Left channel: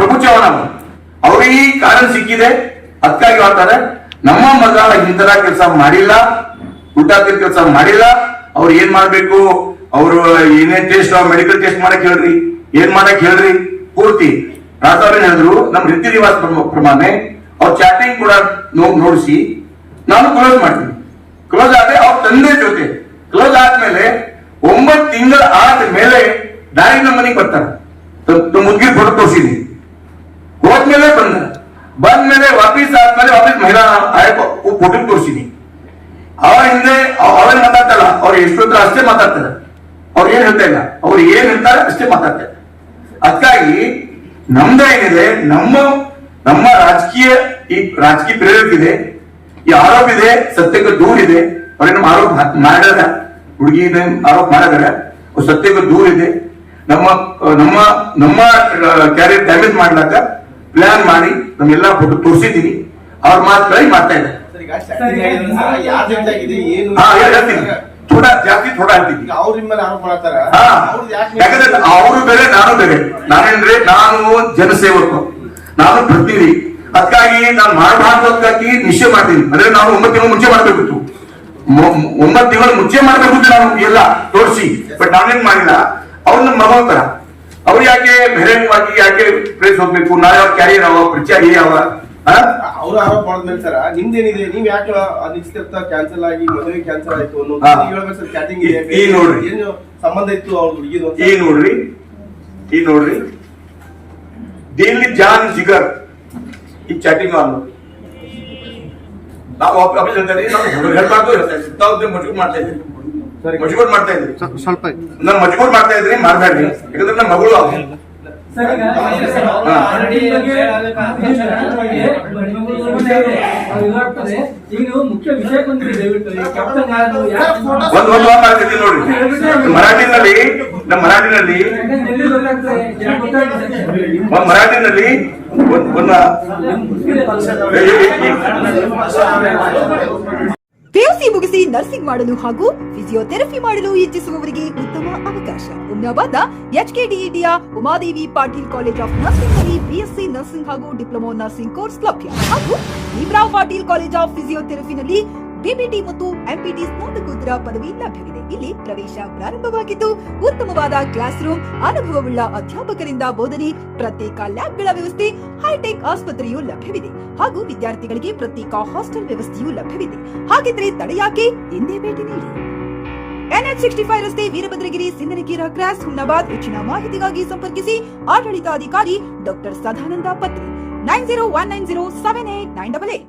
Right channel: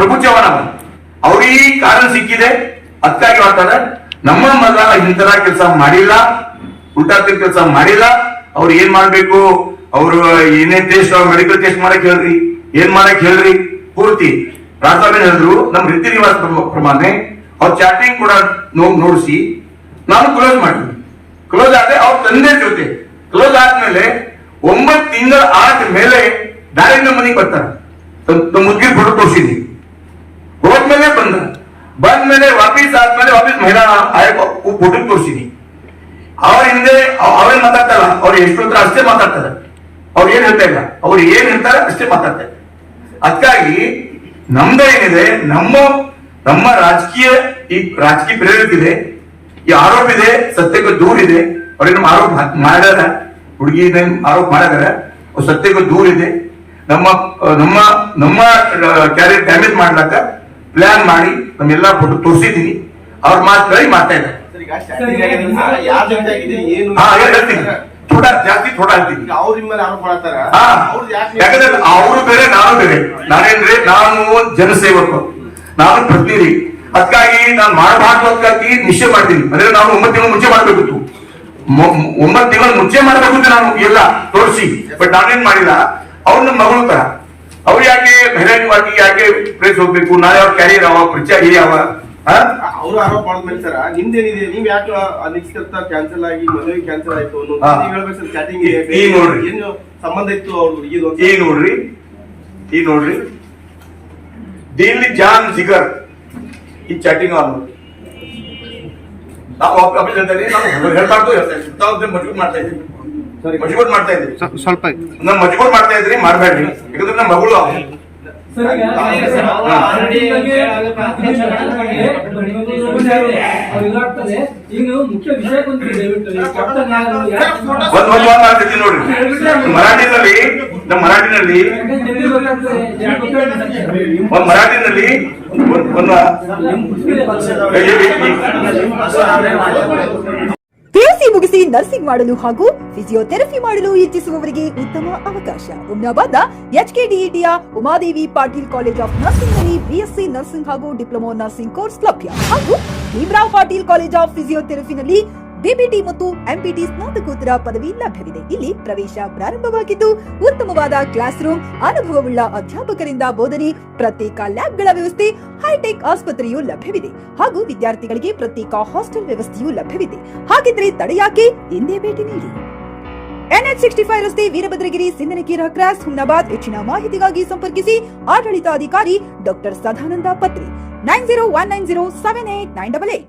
ಪ್ರಭು ಚವ್ಹಾಣ ಅವ್ರಿಗೆ ಕಾರಣ ಸಿಕ್ಕಿದೆ, ಅದಕ್ಕಾಗಿ ಹೇಳ್ತಾರೆ ನಮ್ಮ ಮಗ ಇಂತರ ಕೆಲಸ ಮಾಡಿಲ್ಲ, ಊಟಾತಿನ ಕೆಲಸ ಮಾಡಿಲ್ಲ. ಅವ್ರು ಏನ್ ಮಾಡ್ಬೇಕು, ಅವ್ರು ಏನೇ ಟೆಸ್ಟ್ ಮೆಡಿಕಲ್ ಟೆಸ್ಟ್ ಮಾಡಕ್ ಹೇಳ್ರಿ, ಏನ್ ಮಾಡಕ್ ಹೇಳ್ರಿ. ಪೂರ್ತಿ ರಾಜಾವೇನ್ ಹೇಳಿದ್ರು, ನಮ್ ರೀತಿ ರಿವಾಜ್ ಪ್ರಮಾಣ ಅವ್ರ ಚಾಟಿಂಗ್ ಕೂಡ ನೋಡಿಸಿ ನಾನು ಕ್ಲೋಸ್ ಮಾಡ್ತೀನಿ. ಕ್ಲೋಸ್ ಆದ್ರೆ ಅವ್ರ ತಂದೆ ಜೊತೆ ಕ್ಲೋಸ್ ಆದ್ಮೇಲೆ 9 ತಿಂಗಳ ಆದ್ಮೇಲೆ ಡೈರೆಕ್ಟ್ ನಮ್ಮ ಮನೆಗೆ ಬರ್ತಾರೆ. ಮುದ್ಗಿರ್ ಫೋಟೋ ತೋರಿಸಿದ್ವಿ, ಹೋದ್ಮೇಲೆ ಬಂದ್ಮೇಲೆ ವಾಪಸ್ ಆದ್ಮೇಲೆ ವಾಪಸ್ ಮಹಿಳಾ ಆಯೋಗ ಫೋಟೋ ತೋರಿಸಿದ್ವಿ. ಅವ್ರ ಹಿಂದೆ ಅವ್ರೇನ್ ಮಾತಾಡ್ತಾರ, ಅವ್ರು ಎಷ್ಟೊತ್ತರ ಅಷ್ಟೇ ಮಾತಾಡ್ತಾರೆ, ಅವ್ರು ಏನ್ ಹೇಳ್ತಾ ಇಲ್ಲ, ಅವ್ರು ಏನ್ ಹೇಳ್ತಾರೆ ಅಷ್ಟೇ ಮಾತಾಡ್ತಾರೆ. ಅದಕ್ಕಾಗಿ ನಮ್ದೇನಿದೆ, ನಮ್ಮ ರಾಜಕೀಯ ಪ್ರೇರಿತ ಇದೆ, ಈ ಆರೋಪ ಇದೆ, ಸತ್ಯಕ್ಕೆ ದೂರ ಇದೆ. ಅವ್ರೇನು ಆರೋಪ ಮಾಡ್ಯಾರ, ಹುಡುಗಿ ಆರೋಪ ಮಾಡಿದಾರ, ಸತ್ಯಕ್ಕೆ ದೂರ ಇದೆ. ನಮ್ಮ ಕ್ಯಾರಿಯರ್ ಡ್ಯಾಮೇಜ್ ಮಾಡ್ಲಕ್ಕ ಪ್ಲಾನ್ ಮಾಡಿ ನಮ್ಮೆಲ್ಲ ಫೋಟೋ ತೋರಿಸಿದೀನಿ. ಅವ್ರ ಮಾತುಗಳಿಗೆ ಮಾಡ್ತಾ ಇದ್ದಾರೆ. ಜಾಸ್ತಿ ಥೋಡ ಅಂತೀನಿ. ಯಾಕಂದ್ರೆ ಅವರು ಬೇರೆ ನಾನು ಬೇರೆ. ನಾನೇನ್ರಿ, ನಾನು ಜನಸೇವಕ, ನಾನು ಪ್ರತಿನಿಧಿ. ಅದಕ್ಕಾಗಿ ನಾನು ಮಾಡಬಾರ್ದಕ್ಕಾಗಿ ನಿಶ್ಚಯ ಮಾಡ್ತೀನಿ. ಅಂದ್ರೆ ನಾವು 9 ತಿಂಗಳು ಮುಂಚೆ ಮಾಡ್ಬೇಕಿತ್ತು, 9 ತಿಂಗಳು ಮುಂಚೆ ಮಾಡ್ಬೇಕಿತ್ತು ನಾನು ಎಲ್ಲ ತೋರಿಸಿ. ಬಟ್ ನಾನೇನ್ ಮಾಡಿಲ್ಲ. ಅವ್ರು ನಮ್ಮ ಮಗನ ತರ, ಅವ್ರು ಯಾಕೆ ಬಹಿರಂಗವಾಗಿ ಯಾಕೆ ಪ್ರೇಸ್ ಹೋಗ್ಬೇಕು? ನಾಳೆ ಅವ್ರ ಕ್ಯಾರಿಯರ್ ಅವ, ಪರಿಚಯ ಆಗಿದೆ ಅವ. ಅವ್ರು ಆರೋಪ ಮಾಡಿದ್ಮೇಲೆ ಸರ್ ನಿಮ್ದೇನಿದೆ, ನೀವ್ ಯಾಕೆ ಅನಿಶ್ಚಿತ ಕ್ಯಾನ್ಸಲ್ ಆಗಿ ಮದುವೆ ಕ್ಯಾನ್ಸಲ್ ಆಯ್ತು ಹೇಳ್ಬೇಕು ಸರ್. ಚಾಟಿಂಗ್ ಏನು ಸಂಬಂಧ ಇತ್ತು ಅವ್ರ ಹುಡುಗಿದು? ಈ ನೋಡ್ರಿ ದಿಲ್ ಜಾನ್ ಜಿಗರ್ ಈ ಚಾಟಿಂಗ್ ಅನ್ನೋದು ನಾವು ಹೇಳ್ಬಾರ್ದು, ಮಜಬೂರ್ ಮಾಡ್ತಾ ಇದ್ದೀವಿ, ಸ್ವಲ್ಪ ನಾನು ಮಜಬೂರ್ ಮಾಡ್ತಾ ಇದ್ದೀನಿ. ಮಾಡ್ಬೇಡ್ರಿ, ಯಾಕಂದ್ರೆ ನಮ್ಮ ಮಗಳು ಮುಖ್ಯ ವಿಷಯ ನೋಡ್ರಿ. ಮರಾಠಿನಲ್ಲಿ ಪಿಯುಸಿ ಮುಗಿಸಿ ನರ್ಸಿಂಗ್ ಮಾಡಲು ಹಾಗೂ ಫಿಸಿಯೋಥೆರಪಿ ಮಾಡಲು ಇಚ್ಛಿಸುವವರಿಗೆ ಉತ್ತಮ ಅವಕಾಶ. ಹುಮ್ನಾಬಾದ್ನ HKDETಯ Umadevi Patil college of nursing ನಲ್ಲಿ BSc ನರ್ಸಿಂಗ್ ಹಾಗೂ ಡಿಪ್ಲೊಮಾ ನರ್ಸಿಂಗ್ ಕೋರ್ಸ್ ಲಭ್ಯ. ಹಾಗೂ ಭೀಮರಾವ್ ಪಾಟೀಲ್ ಕಾಲೇಜ್ ಆಫ್ ಫಿಸಿಯೋಥೆರಪಿನಲ್ಲಿ BBT ಮತ್ತು MPT ಸ್ನಾತಕೋತ್ತರ ಪದವಿ ಲಭ್ಯವಿದೆ. ಇಲ್ಲಿ ಪ್ರವೇಶ ಪ್ರಾರಂಭವಾಗಿದ್ದು ಉತ್ತಮವಾದ ಕ್ಲಾಸ್ ರೂಮ್, ಅನುಭವವುಳ್ಳ ಅಧ್ಯಾಪಕರಿಂದ ಬೋಧನೆ, ಪ್ರತ್ಯೇಕ ಲ್ಯಾಬ್ಗಳ ವ್ಯವಸ್ಥೆ, ಹೈಟೆಕ್ ಆಸ್ಪತ್ರೆಯೂ ಲಭ್ಯವಿದೆ. ಹಾಗೂ ವಿದ್ಯಾರ್ಥಿಗಳಿಗೆ ಪ್ರತ್ಯೇಕ ಹಾಸ್ಟೆಲ್ ವ್ಯವಸ್ಥೆಯೂ ಲಭ್ಯವಿದೆ. ಹಾಗಿದ್ರೆ ತಡೆಯಾಕೆ, ಹಿಂದೆ ಭೇಟಿ ನೀಡಿ. NH65 ರಸ್ತೆ, ವೀರಭದ್ರಗಿರಿ, ಸಿಂದನಕೀರ ಕ್ರಾಸ್, ಹುಮ್ನಾಬಾದ್. ಹೆಚ್ಚಿನ ಮಾಹಿತಿಗಾಗಿ ಸಂಪರ್ಕಿಸಿ ಆಡಳಿತಾಧಿಕಾರಿ ಡಾಕ್ಟರ್ ಸದಾನಂದ ಪತ್ರಿ 9019078988.